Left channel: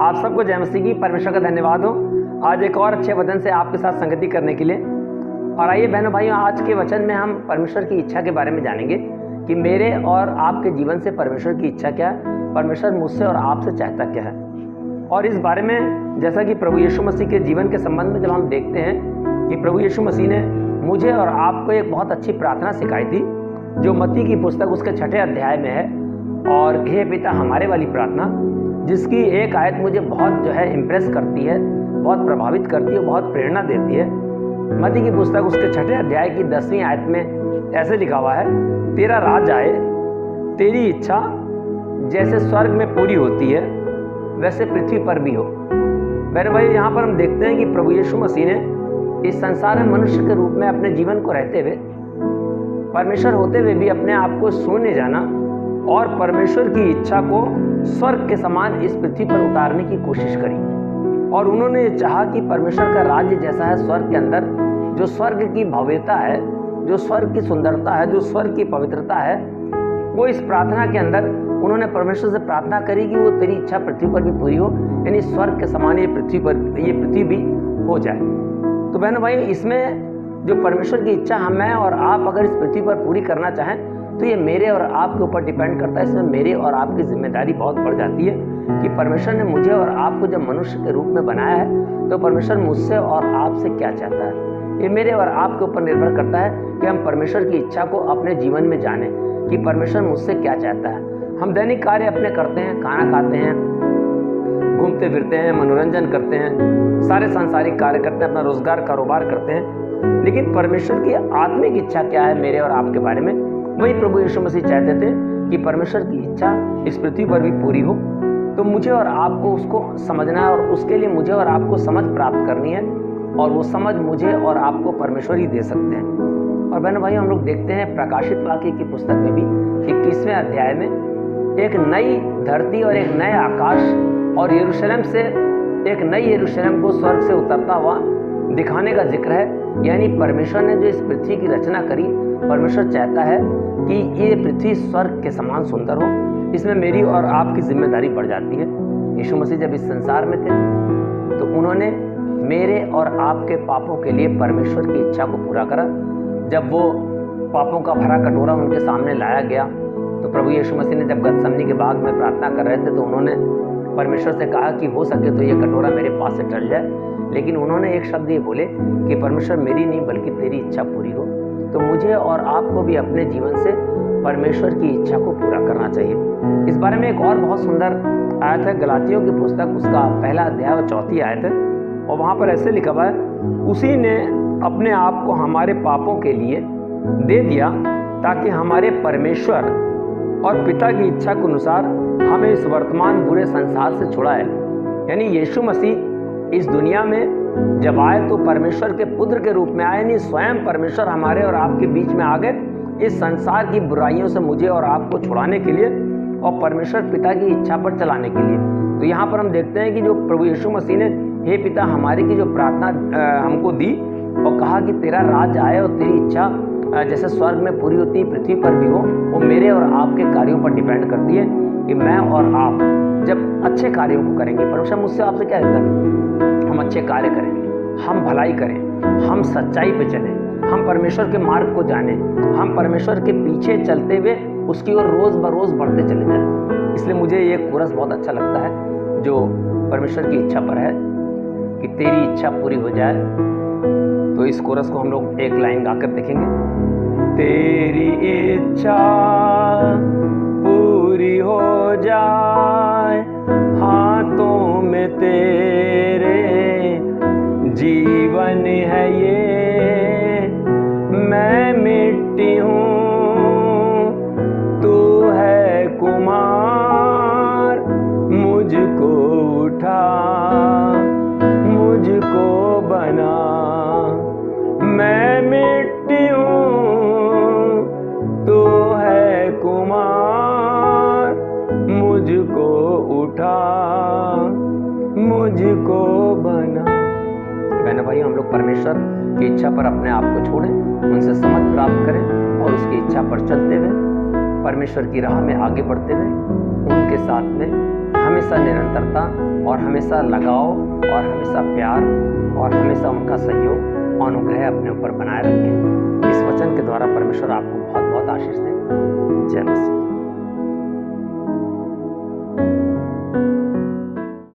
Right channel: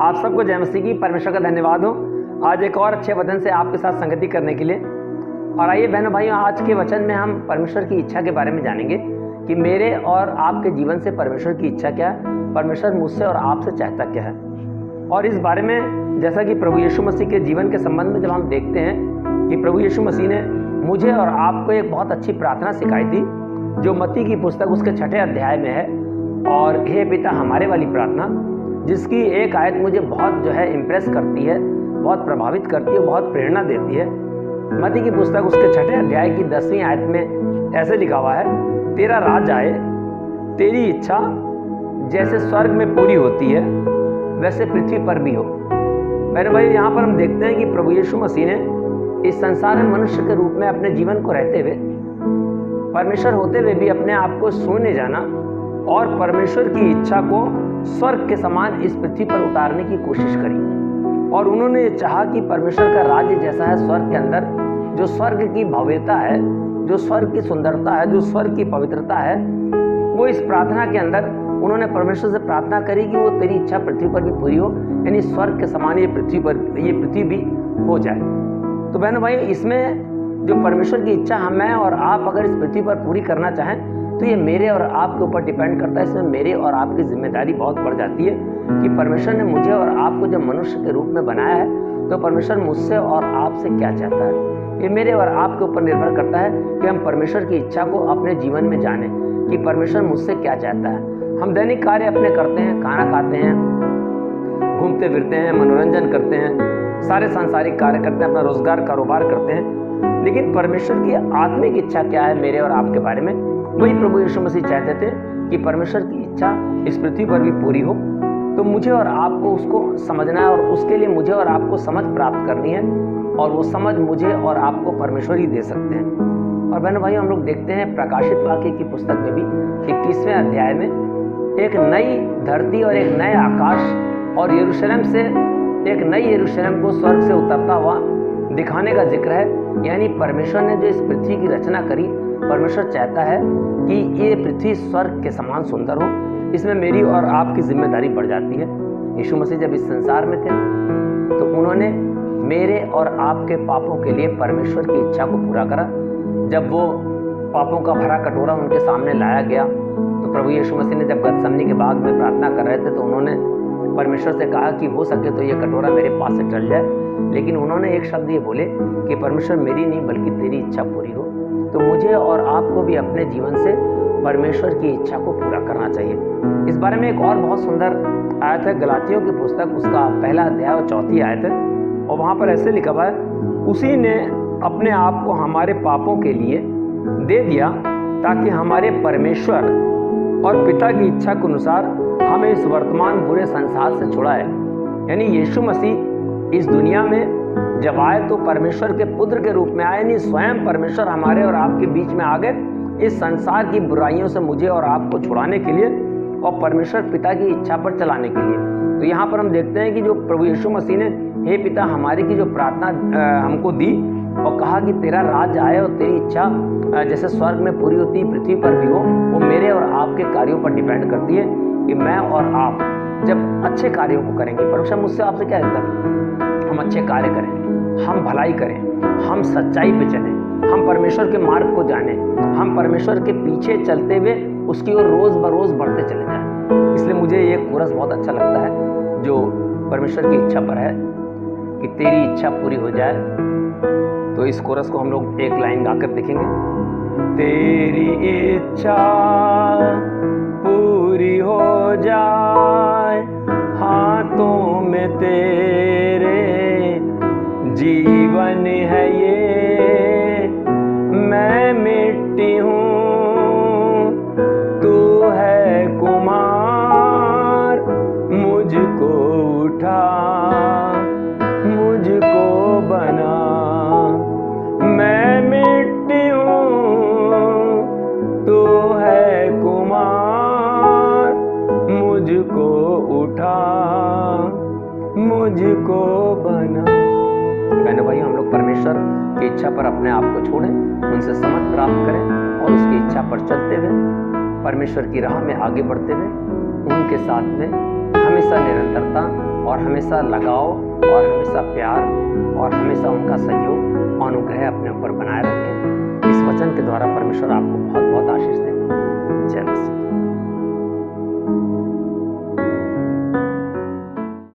आप सबको जय मसीह की। परमेश्वर का धन्यवाद हो आज एक और अच्छे वचन से आपके साथ संगति करने के लिए। और आइए बहनों भाइयों, आज के वचन में हम परमेश्वर की इच्छा के बारे में जानेंगे कि मेरे और आपके जीवन से परमेश्वर की इच्छा क्या है, परमेश्वर मुझसे और आपसे चाहता क्या है। और इस बारे में जैसा कि प्रभु यीशु मसीह के जीवन के संबंध में जब हम देखते हैं कि प्रभु यीशु मसीह ने मुझे और आपको एक बहुत अच्छी प्रार्थना सिखाई थी, जो मत्ती की पुस्तक उसके 6 अध्याय में है। और हे पिता हमारे वाली प्रार्थना, जिसकी एक आयत मुझे बहुत इम्प्रेस करती है, बहुत प्रभावित करती है, बहुत प्रेरणा देती है। मत्ती की पुस्तक उसके 6 अध्याय की 10वीं आयत में ऐसे लिखा हुआ है, तेरा राज आए, तेरी इच्छा जैसे स्वर्ग में पूरी होती है वैसे पृथ्वी पर भी हो। मेरे भाई, यहाँ पर हम देखते हैं कि प्रभु यीशु मसीह ने इस संसार में मनुष्य के रूप में अपने जीवन को रहते हुए, परमेश्वर होते हुए भी अपने आप को शून्य जाना और परमेश्वर की इच्छा को स्वर्ग के समान इस पृथ्वी पर उतारने की कोशिश करी। और उन्होंने ये चाहा कि परमेश्वर का राज्य जैसा है स्वर्ग के अंदर, जो स्वर्ग की भव्यता है, जो स्वर्ग की सुंदरता है, जो स्वर्ग की पवित्रता है, वो इस प्रार्थना के अंदर उन्होंने परमेश्वर से प्रार्थना करी कि वो तेरी इच्छा पृथ्वी पर भी पूरी हो, यानी स्वर्ग के समान ये पृथ्वी भी हो जाए। तो बहनों भाई, इसमें जो परमेश्वर की इच्छा मैं और आप अगर इस पृथ्वी पर पूरी करना चाहें तो ये मेरे और आपके ऊपर डिपेंड करता है। इसमें मेरे और आपकी जिम्मेदारी बहुत बढ़ जाती है कि परमेश्वर ने मुझे और आपको जब मनुष्य के रूप में बनाया है तो परमेश्वर मुझसे और आपसे क्या चाहता है। ये मेरे और आपके ऊपर निर्भर करता है कि हम परमेश्वर की इच्छा को अपने जीवन में जानें कि परमेश्वर मुझसे क्या चाहता है। हम दैनिक कार्य अपने करते हैं, खाना खाते हैं, घूमते फिरते हैं, मनोरंजन करते हैं, सारे सांसारिक कार्य करते हैं, अपना रोजगार कारोबार करते हैं, लेकिन परमेश्वर की आत्मिक इच्छा क्या है मेरे और आपके बारे में, वही प्रभु यीशु मसीह चाहते थे कि परमेश्वर की इच्छा इस पृथ्वी पर भी पूरी हो। तो मुझे और आपको उसको समझना है और उसके लिए मुझे और आपको समझ प्राप्त करनी है, और वो समझ मुझे और आपको परमेश्वर ही दे सकते हैं। और बहनों भाइयों, हम लोग देखते हैं प्रकाशित वाक्य की पुस्तक में भी 21वें अध्याय में एक नई धरती और एक नए आकाश और यरूशलेम से एक नई यरूशलेम को स्वर्ग से उतरता हुआ दिखाने का जिक्र है। यानी परमेश्वर ने जो इस पृथ्वी की रचना करी, परमेश्वर चाहता है कि ये पृथ्वी स्वर्ग के समान सुंदर हो। इसमें मेरी और आपकी जिम्मेदारी बढ़ जाती है। यीशु मसीह जब इस संसार में थे तो उन्होंने मेरे और आपके पापों के लिए परमेश्वर की इच्छा को पूरा करा। जब वो पापों का भरा कटोरा उनके सामने लाया गया तो प्रभु यीशु मसीह ने जब गतसमनी के बाग में प्रार्थना कर रहे थे तो उन्होंने परमेश्वर से कहा कि हो सके तो ये कटोरा मेरे पास से टल जाए, लेकिन उन्होंने एक शब्द ये बोले कि परमेश्वर मेरी नहीं बल्कि तेरी इच्छा पूरी हो। तो मुझे और आपको भी अपने जीवन से परमेश्वर की इच्छा को पूरा करना चाहिए। इस बारे में एक और बहुत सुंदर आयत है, गलातियों की पुस्तक उसका 1 अध्याय और 4 आयत है। और वहाँ पर ऐसे लिखा हुआ है, उसी ने अपने आप को हमारे पापों के लिए दे दिया ताकि हमारे परमेश्वर और पिता की इच्छा के अनुसार हमें इस वर्तमान बुरे संसार से छुड़ाए। यानी यीशु मसीह इस दुनिया में जब आए तो परमेश्वर के पुत्र के रूप में आए, यानी स्वयं परमेश्वर हमारे और आपके बीच में आ गए इस संसार की बुराइयों से मुझे और आपको छुड़ाने के लिए और परमेश्वर पिता की इच्छा पर चलाने के लिए। तो यहाँ पर हम देखते हैं कि जो प्रभु यीशु मसीह ने हे पिता हमारे की जो प्रार्थना हमको दी और कहा कि तेरा राज आए और तेरी इच्छा जैसे स्वर्ग में पूरी होती है पृथ्वी पर भी हो, वो मेरे और आपके कार्यों पर डिपेंड करती है कि मैं और आप जब अच्छे कार्यों को करेंगे। परमेश्वर मुझसे आपसे क्या कहता है, हम अच्छे कार्य करें, हम भलाई करें, हम सच्चाई पे चलें, हम परमेश्वर के मार्ग को जानें, हम परमेश्वर के पीछे चलते हुए उसकी ओर रोज़ बरोज़ बढ़ते चले जाएं। इसलिए मुझे ये कोरस बहुत अच्छा लगता है जो परमेश्वर की इच्छा पर है कि तेरी इच्छा पूरी हो जाए। तो इस कोरस को हम लोग एक लाइन गाकर देखेंगे। तेरी इच्छा पूरी हो जाए, हाथों में तेरे जीवन है ये, मैं मिट्टी हूँ तू है कुमार, मुझको उठा मुझको बना। मैं मिट्टी हूँ तू है कुमार, मुझको उठा मुझको बना। बहनों भाई, हम लोग परमेश्वर की इच्छा पर अपने आप को छोड़ें, उनसे समझ प्राप्त करें और उसकी इच्छा पर चलते हुए परमेश्वर की राह में आगे बढ़ते हुए उनके साथ में हमेशा निरंतरता और हमेशा लगाव और हमेशा प्यार और हमेशा उनका सहयोग और अनुग्रह अपने ऊपर बनाए रखें। इस वचन के द्वारा परमेश्वर आपको बहुत बहुत आशीष दें। जय मसीह।